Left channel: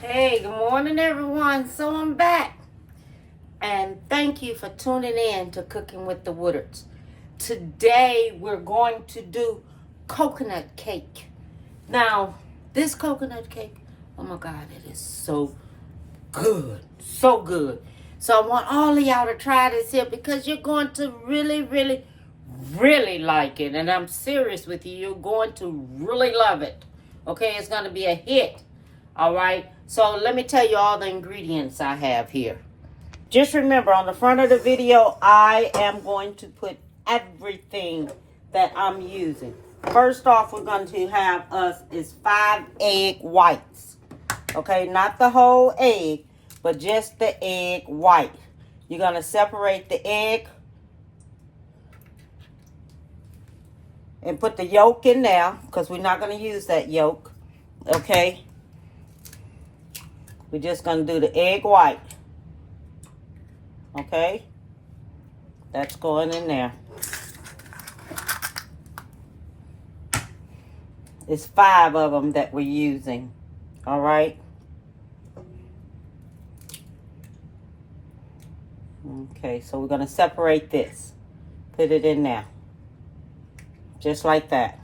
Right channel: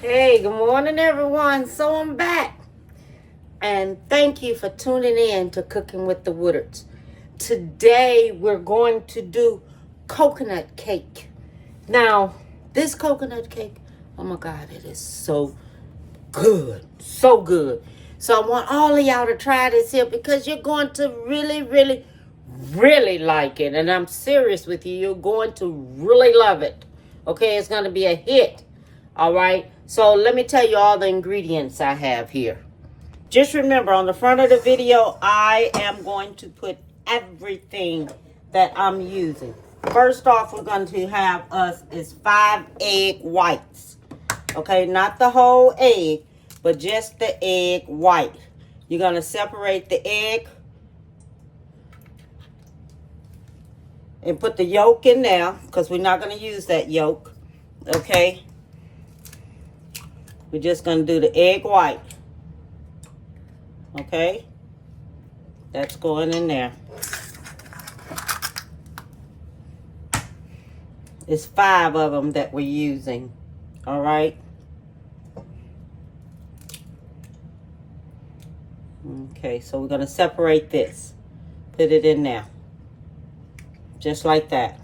Hey, good morning, everyone. So I'm back. And thank you for tuning in to Cooking with the Woodards. Today, we're going to do coconut cake. Now, this coconut cake, oh my God, it is so good. So good. So I want all of y'all to try this here because you're going to really like it. And I'm serious with you. You're going to really love it. Okay, it's going to be a hit. All right. So let me tell you all the ingredients I have here. Just remember, on the front of the video, I am going to put everything that I'm using. First off, we're going to have us is 5 egg whites. Okay, not the whole egg, but just the egg white. You're going to separate the egg and put the yolk in there because we're not going to use that yolk. Okay, we're just going to do the egg white. Okay, that's going in there. It's 5 of them that we're using. All right. Okay, so we're going to separate this. Put it in there. Just like that.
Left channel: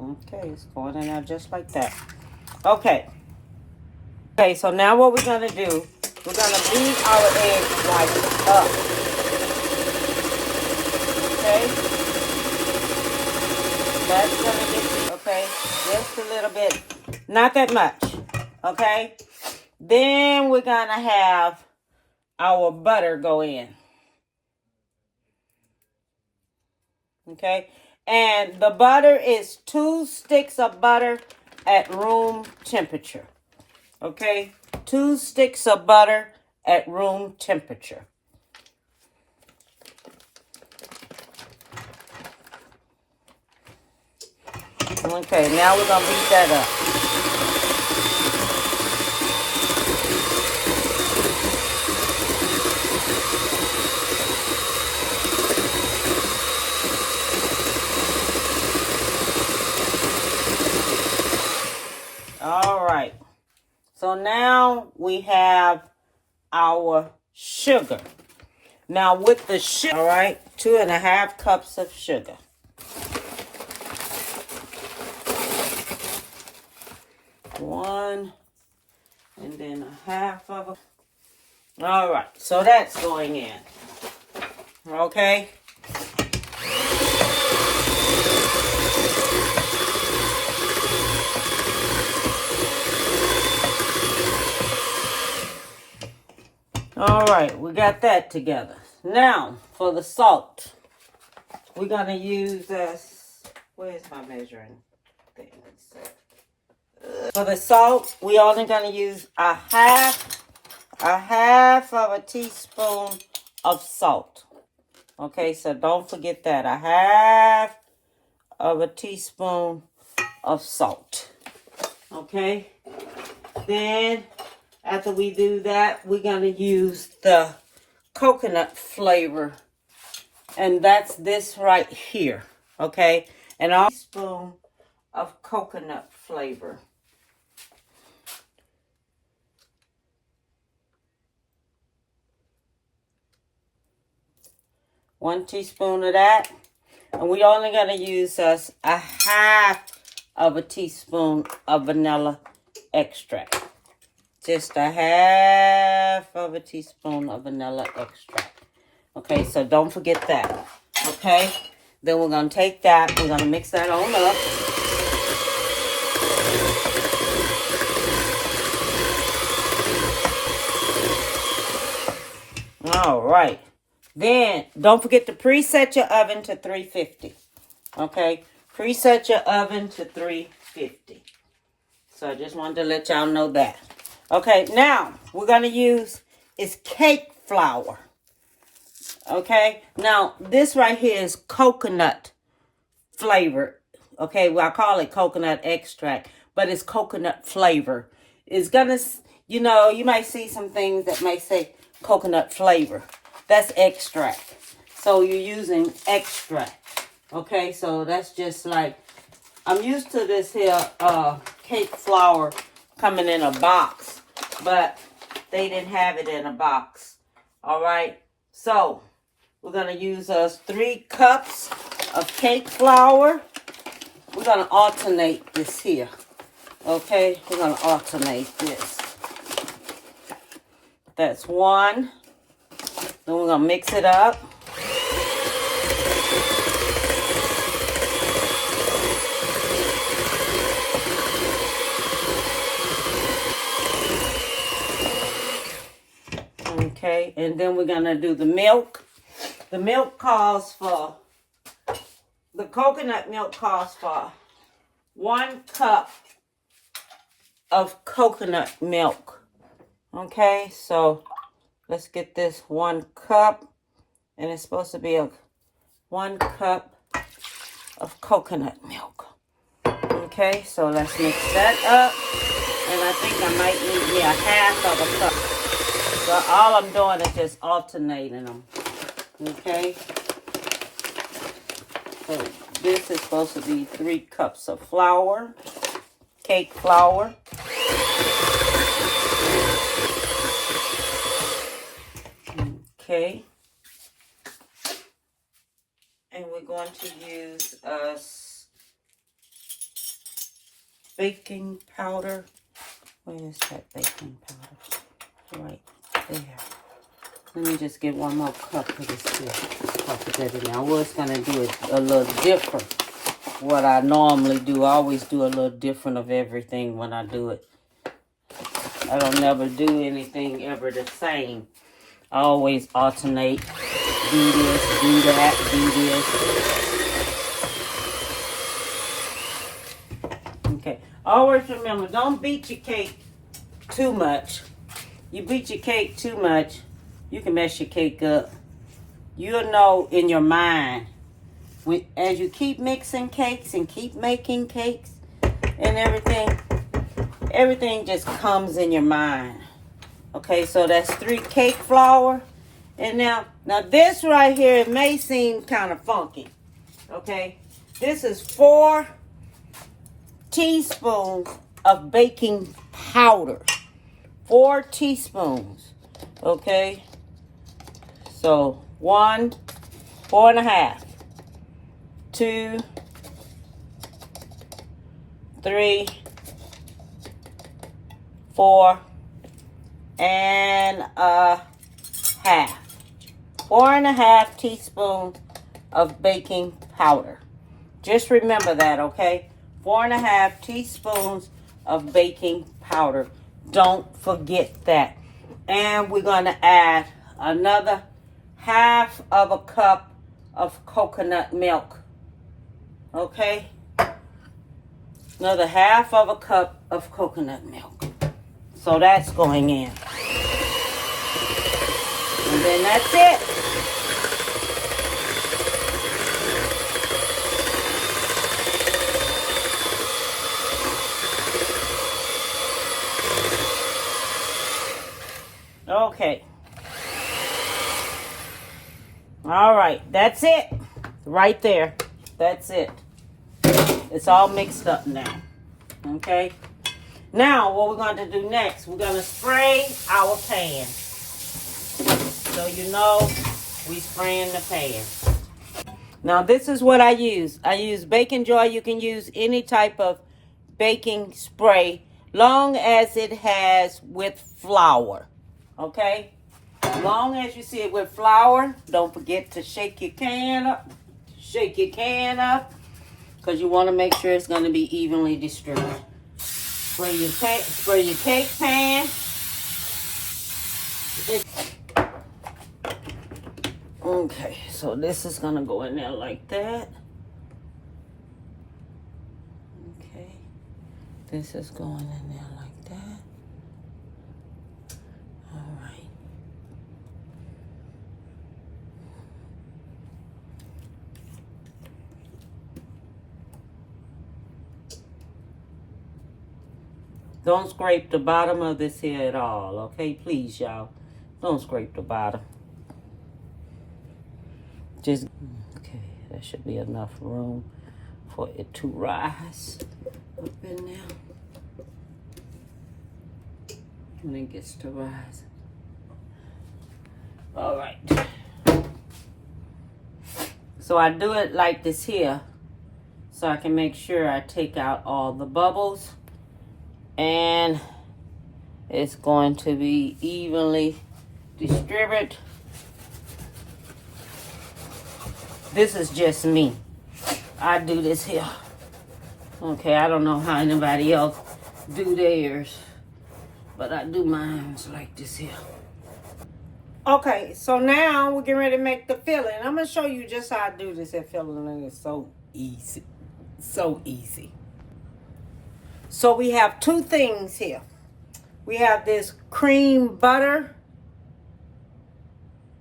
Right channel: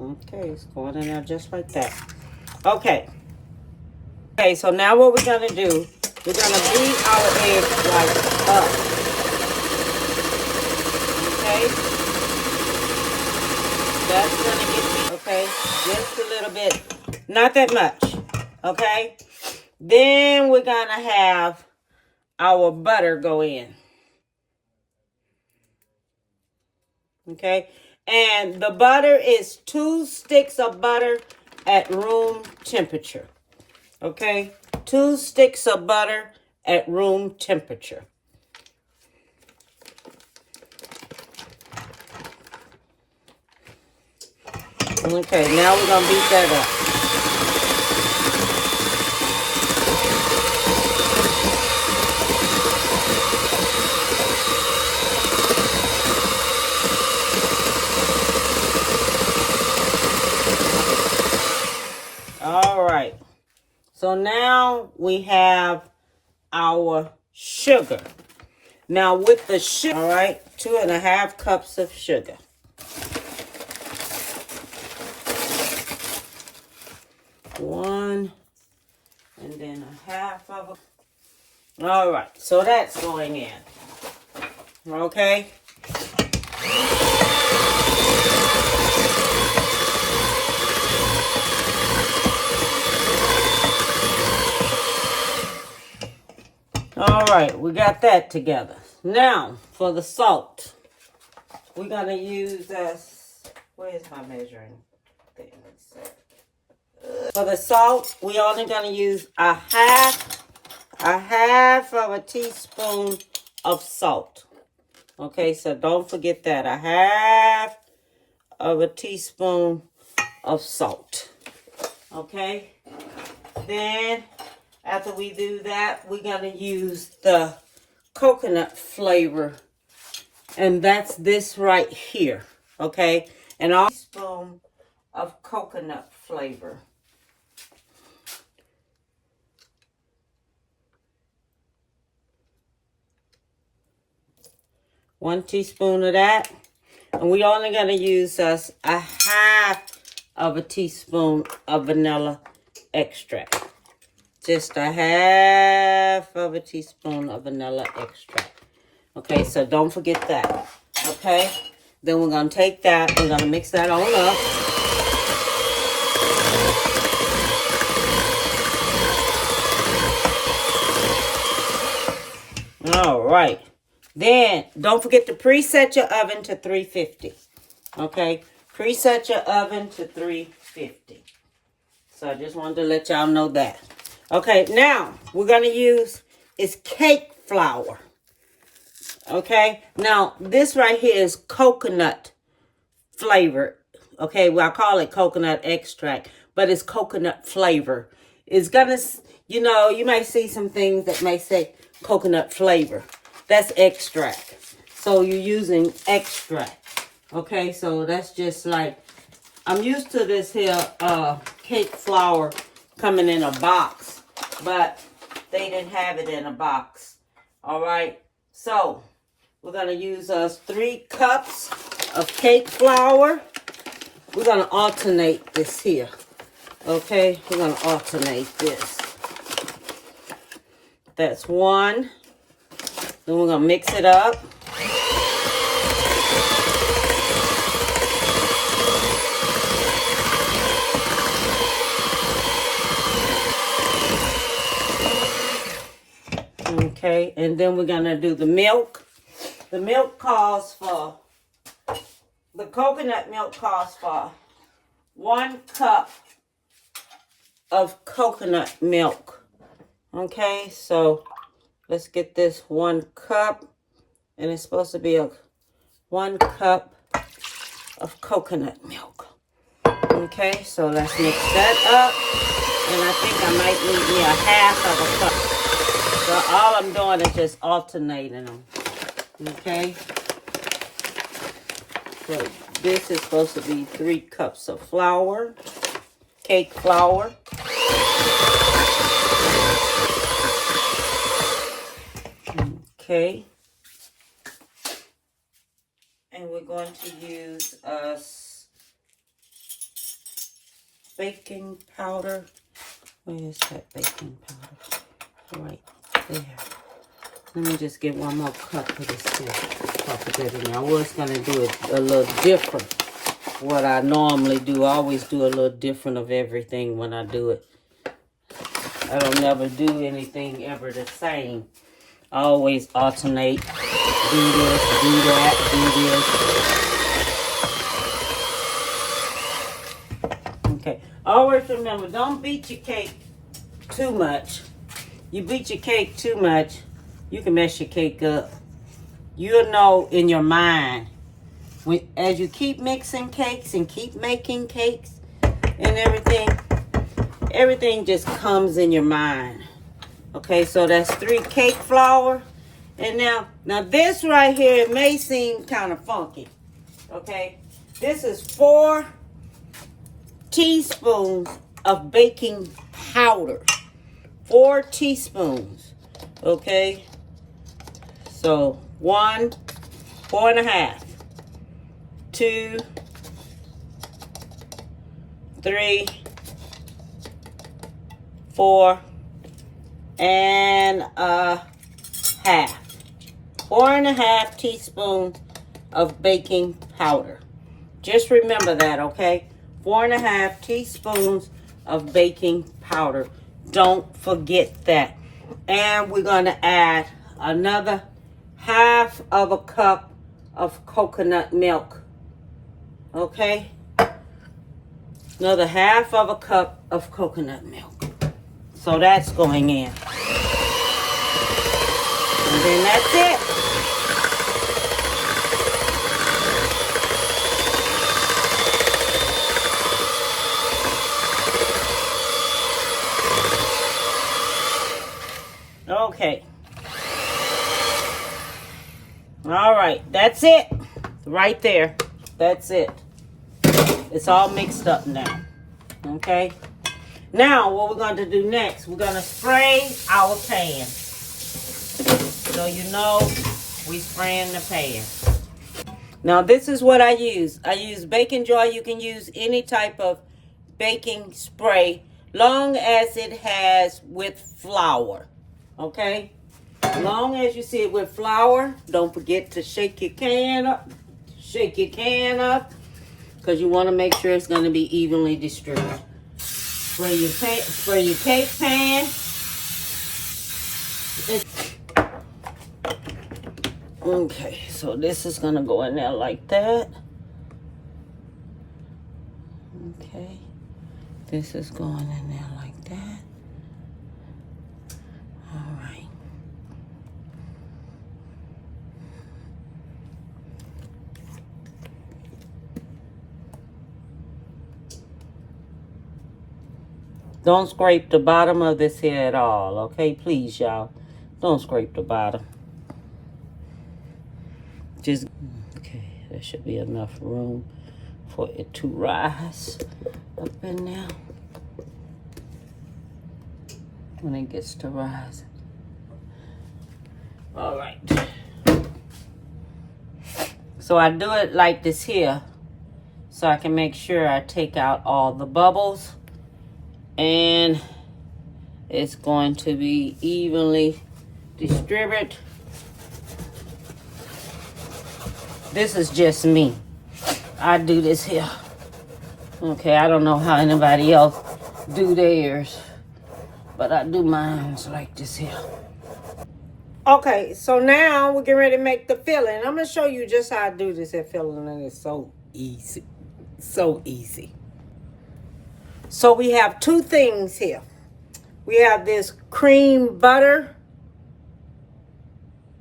Okay, it's going in there just like that. Okay. Okay, so now what we're going to do, we're going to beat our eggs like up. Okay? That's going to get, okay, just a little bit. Not that much. Okay? Then we're going to have our butter go in. Okay? And the butter is 2 sticks of butter at room temperature. Okay? 2 sticks of butter at room temperature. Okay, now we're going to beat that up. All right. So now we have our sugar. Now with the sugar, all right, 2.5 cups of sugar. One, and then a half of them. All right, so that's going in. Okay. All right, we got that together. Now, for the salt, we're going to use this. Where's my measuring thing? For the salt, we only going to use a half of a teaspoon of salt. Okay, so don't forget that. A half of a teaspoon of salt. Okay, then after we do that, we're going to use the coconut flavor. And that's this right here. Okay, and a teaspoon of coconut flavor. One teaspoon of that. And we're only going to use us a half of a teaspoon of vanilla extract. Just a half of a teaspoon of vanilla extract. Okay, so don't forget that. Okay, then we're going to take that. We're going to mix that on up. All right. Then, don't forget to preset your oven to 350. Okay? Preset your oven to 350. So, I just wanted to let y'all know that. Okay, now, we're going to use is cake flour. Okay? Now, this right here is coconut flavor. Okay? Well, I call it coconut extract, but it's coconut flavor. It's going to, you know, you might see some things that may say coconut flavor. That's extract. So you're using extract. Okay, so that's just like, I'm used to this here cake flour coming in a box, but they didn't have it in a box. All right, so we're gonna use us 3 cups of cake flour. We're gonna alternate this here. Okay, we're gonna alternate this. That's 1. Then we're gonna mix it up. Okay, and then we're gonna do the milk. The milk calls for, the coconut milk calls for 1 cup of coconut milk. Okay, so let's get this 1 cup, and it's supposed to be a 1 cup of coconut milk. Okay, so let's mix that up, and I think I might need me a half of a cup. So all I'm doing is just alternating them. Okay, so this is supposed to be 3 cups of flour, cake flour. Okay, and we're going to use baking powder. Where is that baking powder? Right there. Let me just get 1 more cup of this here. Pop it in there. I was going to do it a little different. What I normally do, I always do a little different of everything when I do it. I don't never do anything ever the same. I always alternate. Do this, do that, do this. Okay. Always remember, don't beat your cake too much. You beat your cake too much, you can mess your cake up. You'll know in your mind, as you keep mixing cakes and keep making cakes and everything just comes in your mind. Okay, so that's 3 cake flour. And now this right here, it may seem kind of funky. Okay, this is 4 teaspoons of baking powder. 4 teaspoons. Okay, so 1, 4.5, 2, 3, 4 and a half. 4.5 teaspoons of baking powder. Just remember that, okay? 4.5 teaspoons of baking powder. Don't forget that. And we're going to add another half of a cup of coconut milk. Okay? Another half of a cup of coconut milk. So that's going in. And then that's it. Okay. All right. That's it. Right there. That's it. It's all mixed up now. Okay. Now, what we're going to do next, we're going to spray our pan. So you know we spraying the pan. Now, this is what I use. I use Baking Joy. You can use any type of baking spray, long as it has with flour. Okay? Long as you see it with flour, don't forget to shake your can up. Shake your can up, because you want to make sure it's going to be evenly distributed. Spray your cake pan. Okay, so this is going to go in there like that. Okay. This is going in there like that. All right. Don't scrape the bottom of this here at all, okay? Please, y'all. Don't scrape the bottom. Just, okay, there should be enough room for it to rise up in there. When it gets to rise. All right. So I do it like this here, so I can make sure I take out all the bubbles, and it's going to be evenly distributed. This is just me. I do this here. Okay, I don't know how anybody else do theirs, but I do mine like this here. Okay, so now we're getting ready to make the filling. I'm going to show you just how I do this at filling, and it's so easy. So easy. So we have two things here. We have this creamy butter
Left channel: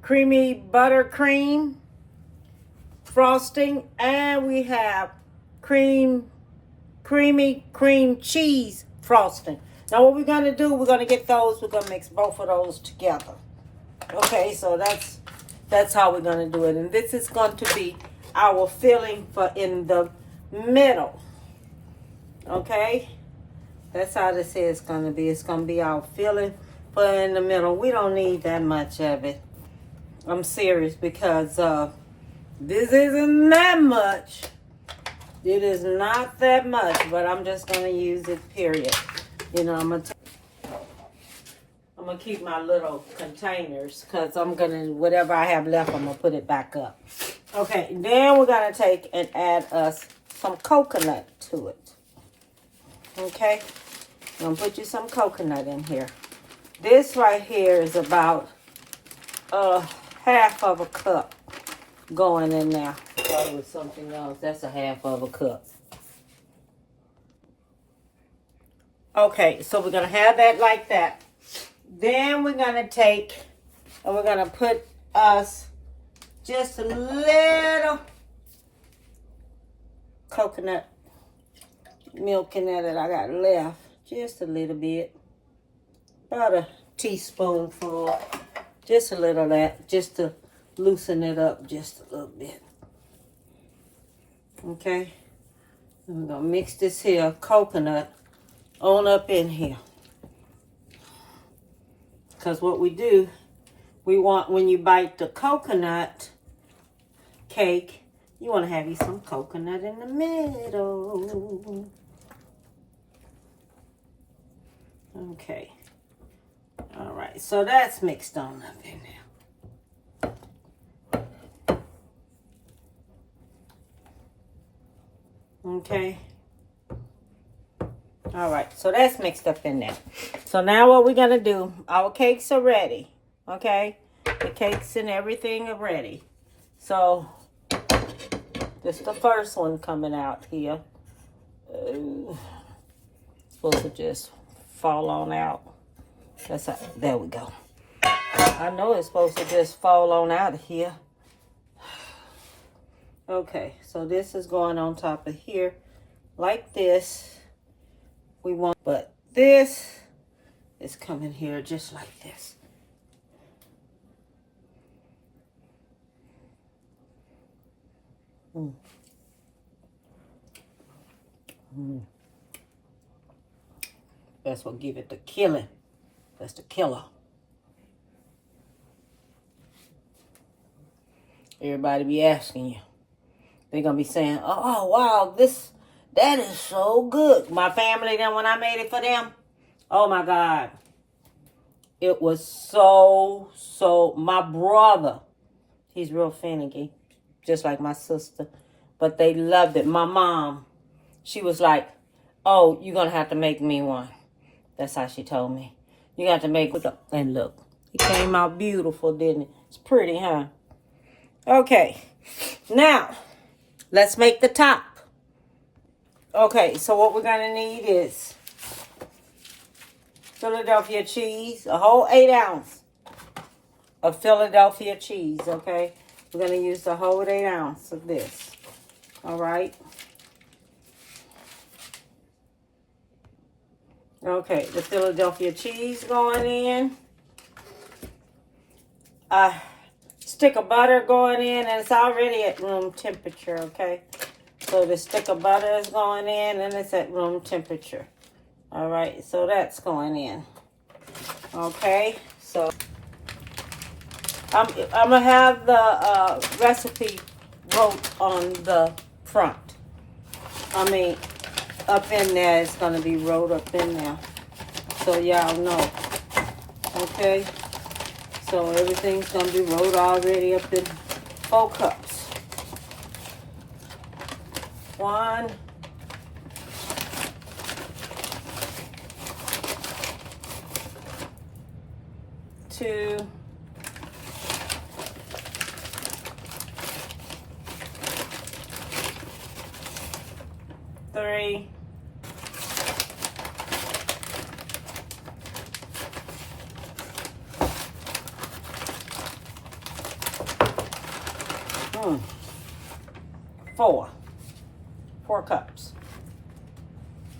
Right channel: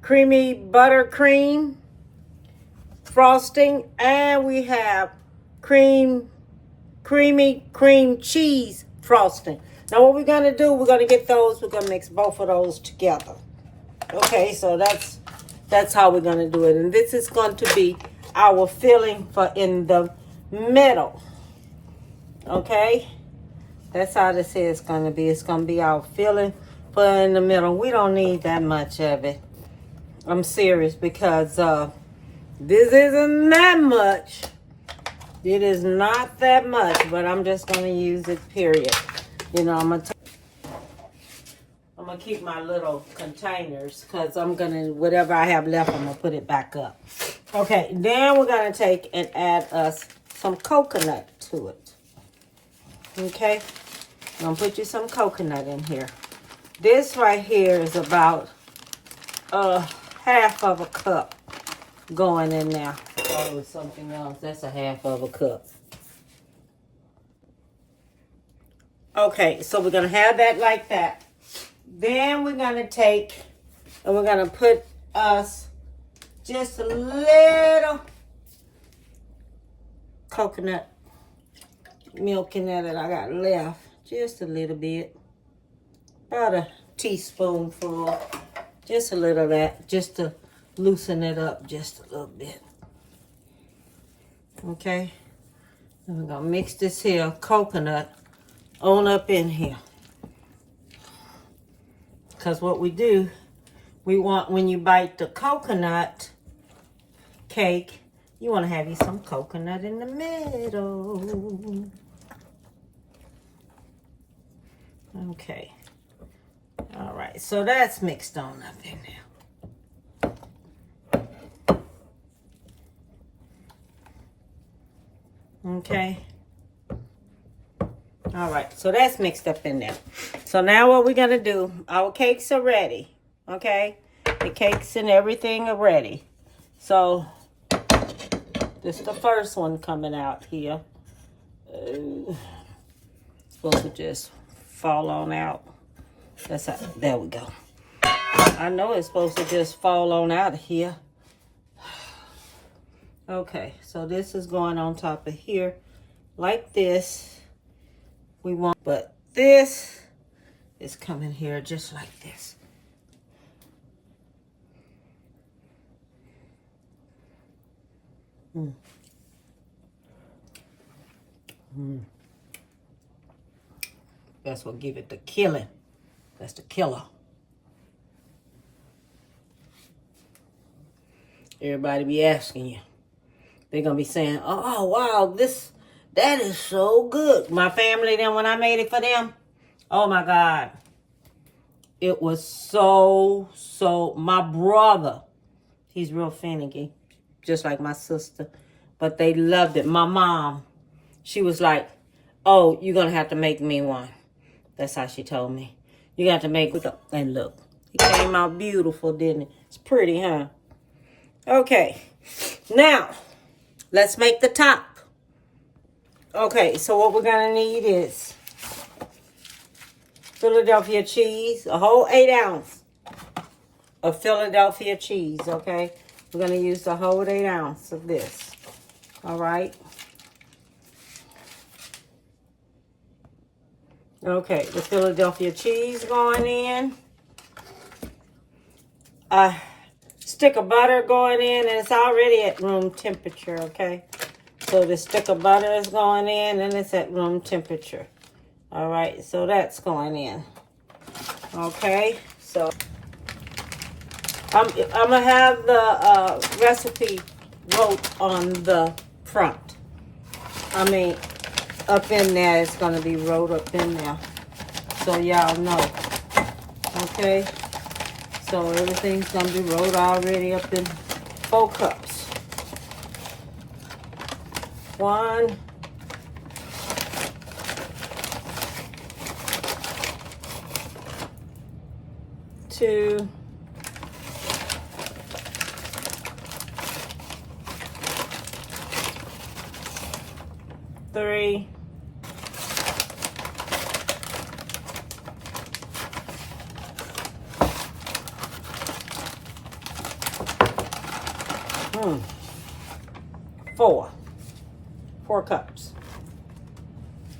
cream frosting, and we have creamy cream cheese frosting. Now what we're going to do, we're going to get those, we're going to mix both of those together. Okay, so that's how we're going to do it. And this is going to be our filling for in the middle. Okay, that's how this is going to be. It's going to be our filling for in the middle. We don't need that much of it. I'm serious, because this isn't that much. It is not that much, but I'm just going to use it, period. You know, I'm going to keep my little containers, because I'm going to, whatever I have left, I'm going to put it back up. Okay, then we're going to take and add us some coconut to it. Okay, I'm going to put you some coconut in here. This right here is about half of a cup going in there. I thought it was something else. That's a half of a cup. Okay, so we're going to have that like that. Then we're going to take and we're going to put us just a little coconut milk in there that I got left. Just a little bit. About a teaspoonful. Just a little of that. Just to loosen it up just a little bit. Okay. And we're going to mix this here coconut on up in here. Because what we do, we want, when you bite the coconut cake, you want to have you some coconut in the middle. Okay. All right. So that's mixed on up in there. Okay. All right, so that's mixed up in there. So now what we're going to do, our cakes are ready, okay? The cakes and everything are ready. So this is the first one coming out here. Supposed to just fall on out. That's how, there we go. I know it's supposed to just fall on out of here. Okay, so this is going on top of here like this. We want, but this is coming here just like this. That's what give it the killing. That's the killer. Everybody be asking you. They're gonna be saying, "Oh wow, that is so good." My family, then when I made it for them, oh my God. It was so, my brother, he's real finicky, just like my sister, but they loved it. My mom, she was like, "Oh, you're going to have to make me one." That's how she told me. You got to make it up. And look, it came out beautiful, didn't it? It's pretty, huh? Okay, now, let's make the top. Okay, so what we're going to need is Philadelphia cheese, a whole 8 ounce of Philadelphia cheese, okay? We're going to use the whole 8 ounce of this, all right? Okay, the Philadelphia cheese going in. stick of butter going in, and it's already at room temperature, okay? So the stick of butter is going in, and it's at room temperature. All right, so that's going in. Okay, so I'm gonna have the recipe wrote on the front. I mean, up in there, it's gonna be wrote up in there, so y'all know. Okay, so everything's gonna be wrote already up in 4 cups. 1, 2, 3, 4 cups.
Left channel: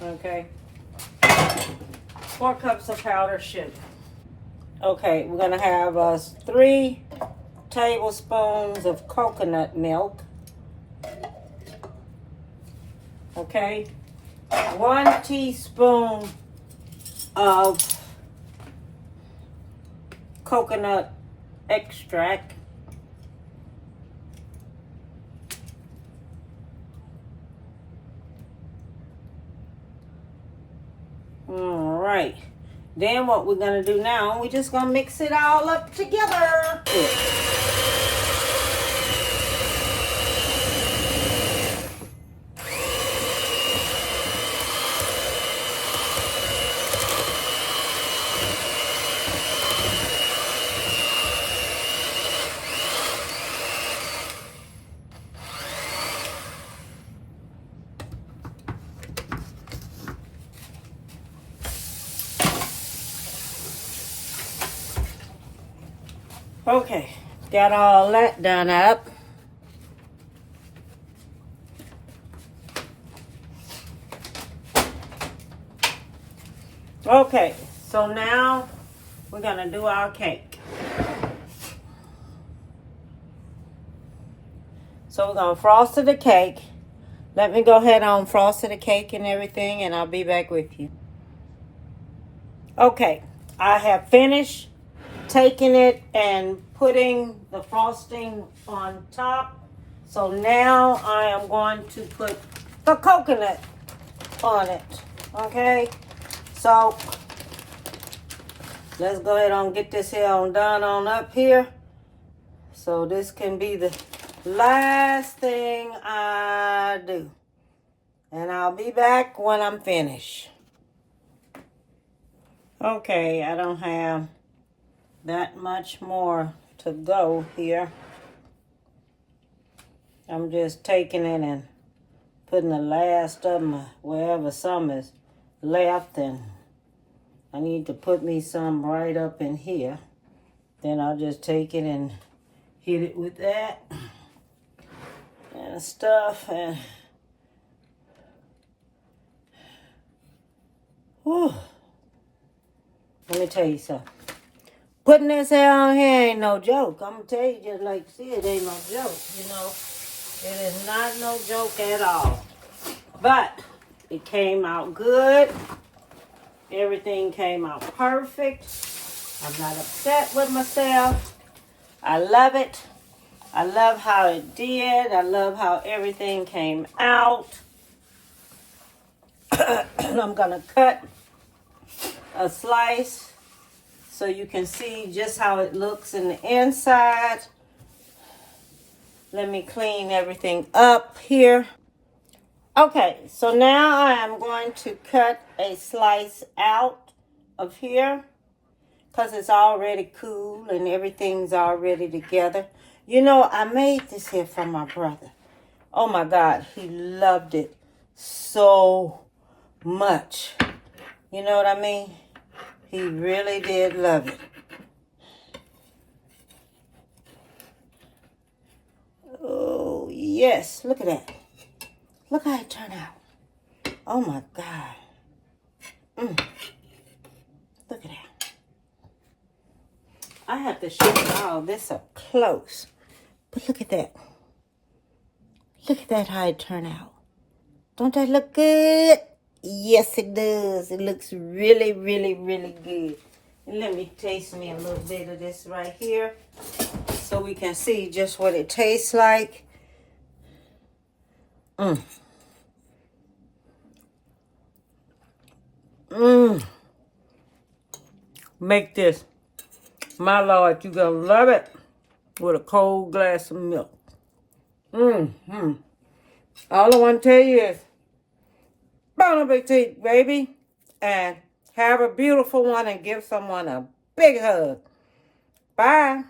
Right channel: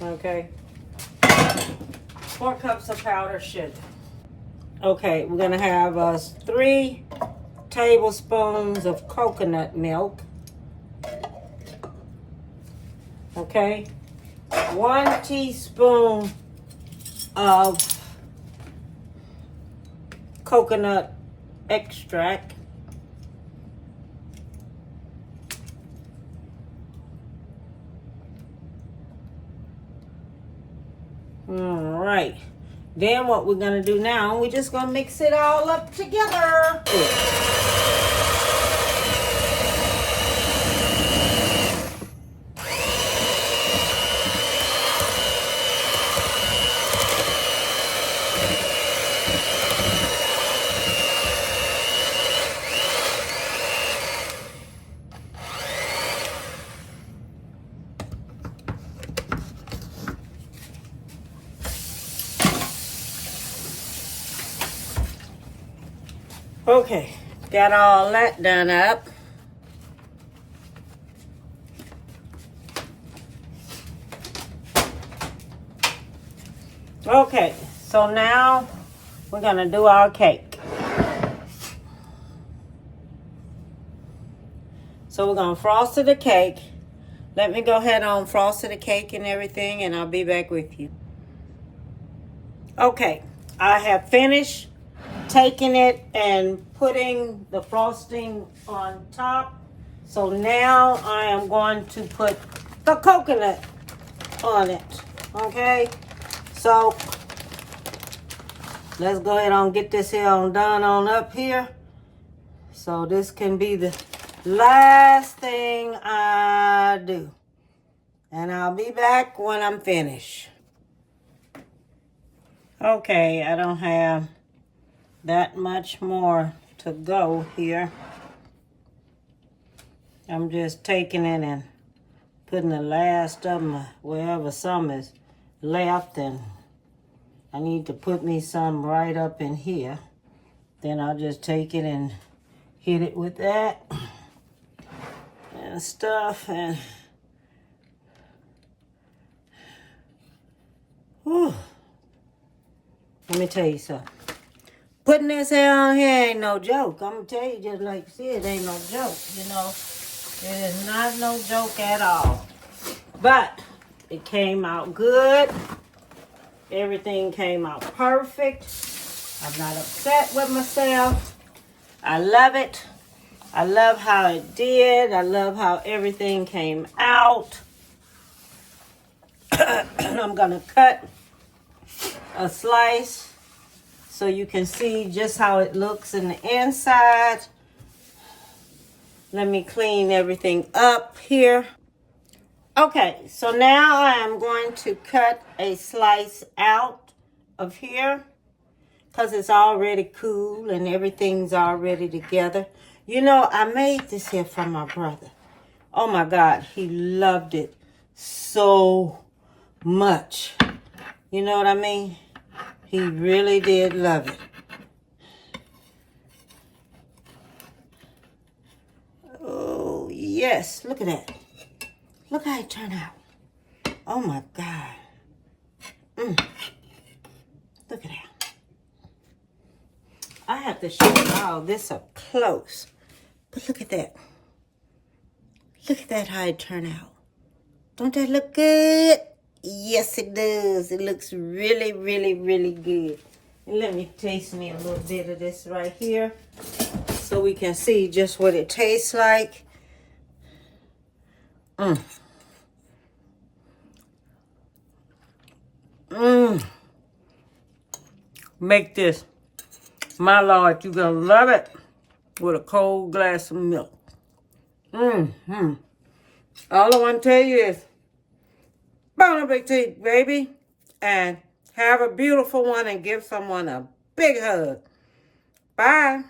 Okay, 4 cups of powdered sugar. Okay, we're gonna have 3 tablespoons of coconut milk. Okay, 1 teaspoon of coconut extract. All right. Then what we're going to do now, we're just going to mix it all up together. Okay, got all that done up. Okay, so now we're gonna do our cake. So we're gonna frost the cake. Let me go ahead on frost the cake and everything, and I'll be back with you. Okay, I have finished taking it and putting the frosting on top. So now I am going to put the coconut on it. Okay, so let's go ahead and get this here on done on up here. So this can be the last thing I do, and I'll be back when I'm finished. Okay, I don't have that much more to go here. I'm just taking it and putting the last of them wherever some is left, and I need to put me some right up in here. Then I'll just take it and hit it with that and stuff, and whew. Let me tell you something. Putting this hair on here ain't no joke. I'm going to tell you just like you see, it ain't no joke, you know. It is not no joke at all. But it came out good. Everything came out perfect. I'm not upset with myself. I love it. I love how it did. I love how everything came out. I'm going to cut a slice so you can see just how it looks in the inside. Let me clean everything up here. Okay, so now I am going to cut a slice out of here because it's already cool and everything's already together. You know, I made this here for my brother. Oh my God, he loved it so much. You know what I mean? He really did love it. Oh, yes. Look at that. Look how it turned out. Oh, my God. Look at that. I have to show y'all this up close. But look at that. Look at that, how it turned out. Don't that look good? Yes, it does. It looks really, really, really good. And let me taste me a little bit of this right here so we can see just what it tastes like. Make this. My Lord, you're going to love it with a cold glass of milk. All I want to tell you is, Bon appetit, baby. And have a beautiful one and give someone a big hug. Bye.